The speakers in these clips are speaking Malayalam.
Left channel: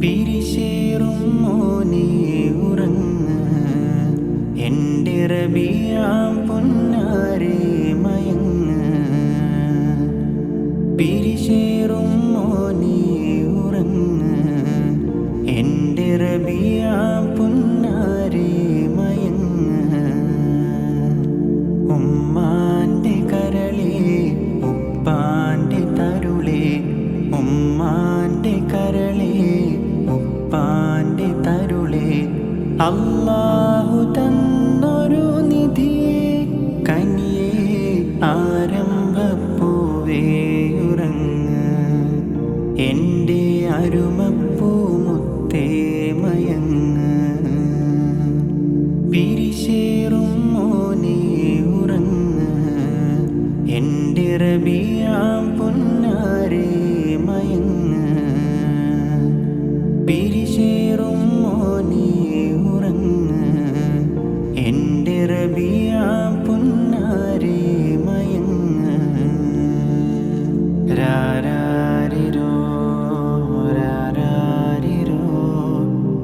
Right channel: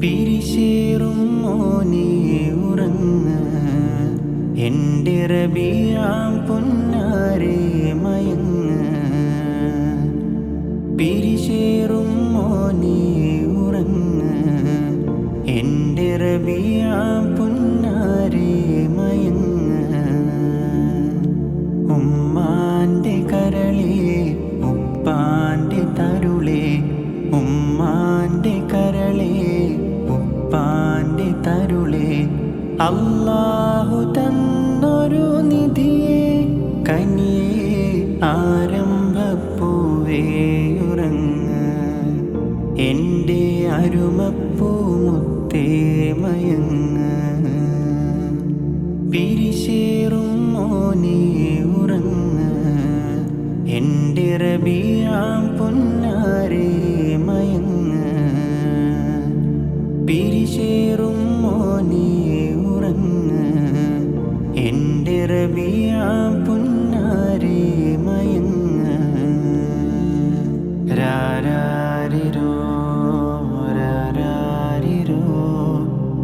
പിരിശേറും മോനെ ഉറങ്ങ്. എന്റെ റബിയാം പൊന്നാരെ മയങ്ങ്. പിരിശേറും മോനെ ഉറങ്ങ്. എന്റെ റബിയാം പൊന്നാരെ മയങ്ങ്. ഉമ്മാന്റെ കരളേ ഉപ്പാന്റെ തരുളേ ഉമ്മാന്റെ കരളേ. ഉപ്പാന്റെ തരുളേ. അല്ലാഹു തന്നൊരു നിധിയെ കനിയെ ആരംഭപ്പൂവേയുറങ്ങ എന്റെ അരുമപ്പൂ മുത്തേ മയങ്ങ്. പിരിശേറും പൊന്നാരെ മയങ്ങ്. രാരാരിരോ രാരാരിരോ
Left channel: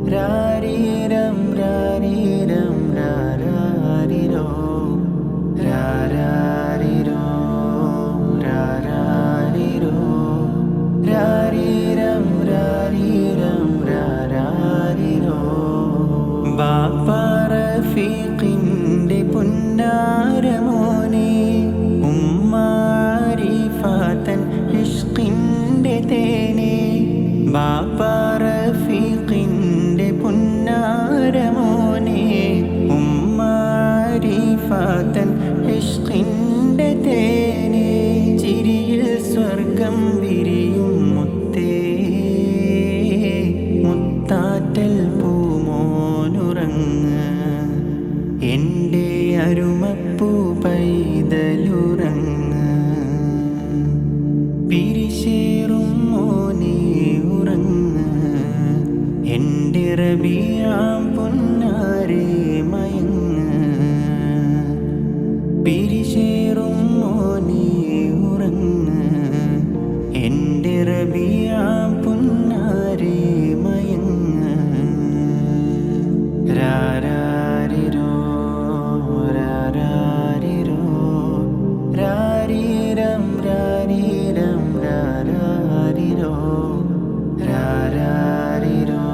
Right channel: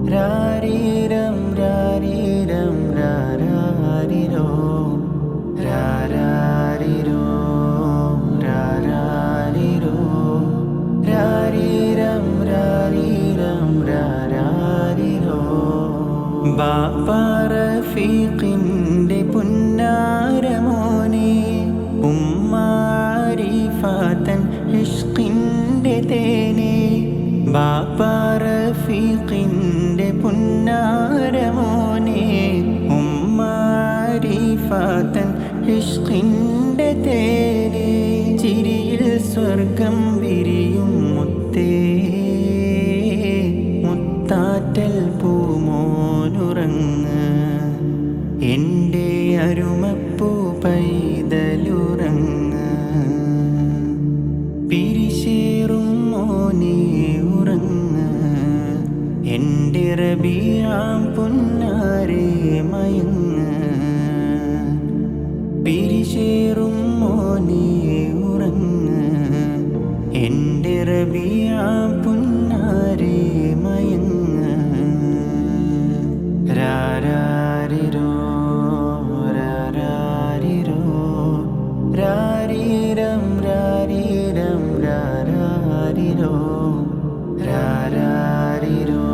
രാരീരം രാരീരം രാരാരിരോ രാരാരിരോ രാരാരിരോ രാരീരം രാരീരം രാരാരിരോ. ബാപ്പാറഫീഖിന്റെ പുന്നാരമോനെ ഉമ്മാരിഫാത്തൻ ഇഷ്കിന്റെ തേനെ. ബാപ്പാറഫീഖിന്റെ പുന്നാരമോനെ. ഉമ്മാരിഫാത്തൻ ഇഷ്കിന്റെ തേനെ. ചിരിയിൽ സ്വർഗം വിരിയും മുത്തേ. മുത്താറ്റൽ പൂമോനുറങ്ങ അരുമപ്പൂ പൈതലുറങ്ങ. പിരിശേറും മോനെ ഉറങ്ങ്. എന്റെ റബിയാം പൊന്നാരെ മയങ്ങ്. പിരിശേറും മോനെ ഉറങ്ങ്. എന്റെ റബിയാം രാരീരം രാരാരിരോ രാരാരിരോ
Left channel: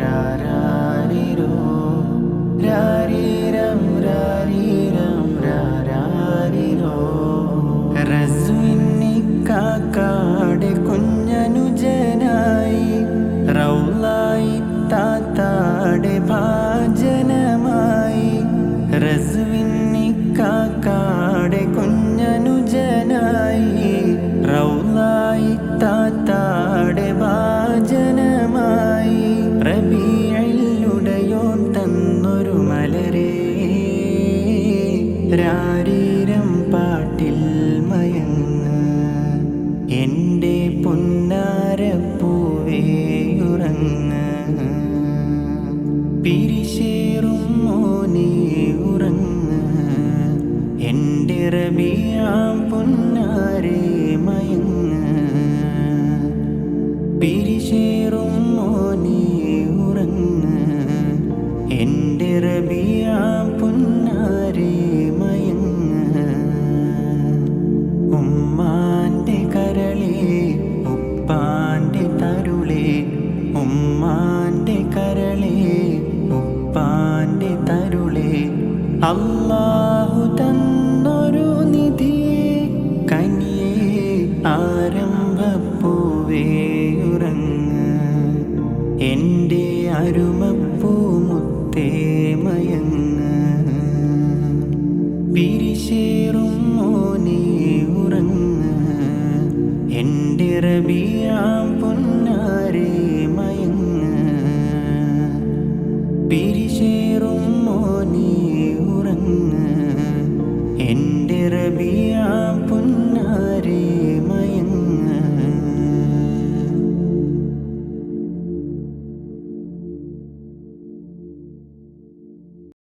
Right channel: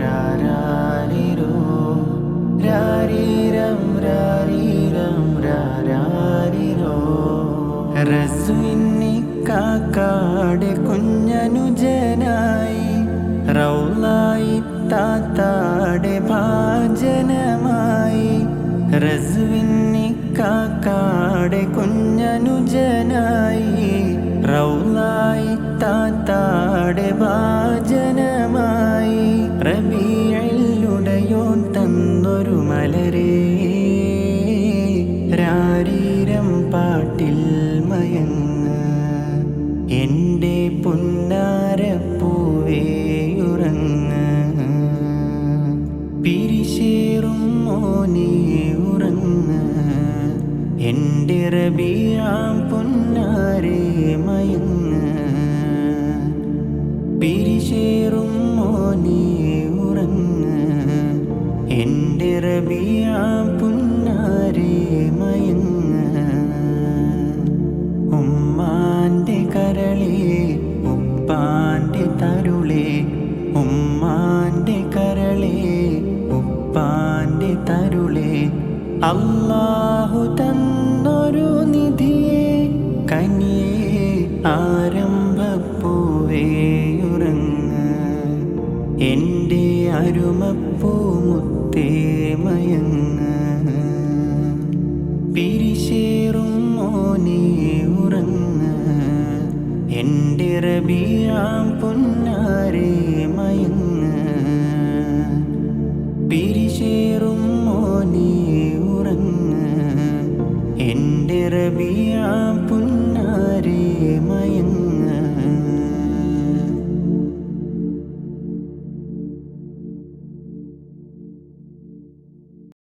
രാരാരിരോ രാരീരം രാരീരം രാരാരിരോ. റസ്വിന്നിക്കാക്കാടെ കുഞ്ഞനുജനായി റൗലായി താത്താടെ ഭാജനമായി. റസ്വിന്നിക്കാക്കാടെ കുഞ്ഞനുജനായി റൗലായി താത്താടെ ഭാജനമായി റബിയുടയോൻ തന്നൊരു മലരേ. രാരീരം പാട്ടിൽ മയങ്ങ് എന്റെ പുന്നാരപ്പൂവേയുറങ്ങ പിരിശേറും എന്റെ പുന്നാരേ മയങ്ങ്. പിരിശേറും മോനെ ഉറങ്ങ്. എന്റെ റബിയാം പൊന്നാരെ മയങ്ങ്. ഉമ്മാന്റെ കരളേ ഉപ്പാന്റെ തരുളേ. ഉമ്മാന്റെ കരളേ ഉപ്പാന്റെ തരുളേ. അല്ലാഹു തന്നൊരു കനിയേ ആരംഭപ്പൂവേയുറങ്ങ് എന്റെ അരുമപ്പൂ മുത്തേ മയങ്ങ. പിരിശേറും മോനെ ഉറങ്ങ. എന്റെ റബിയാം പൊന്ന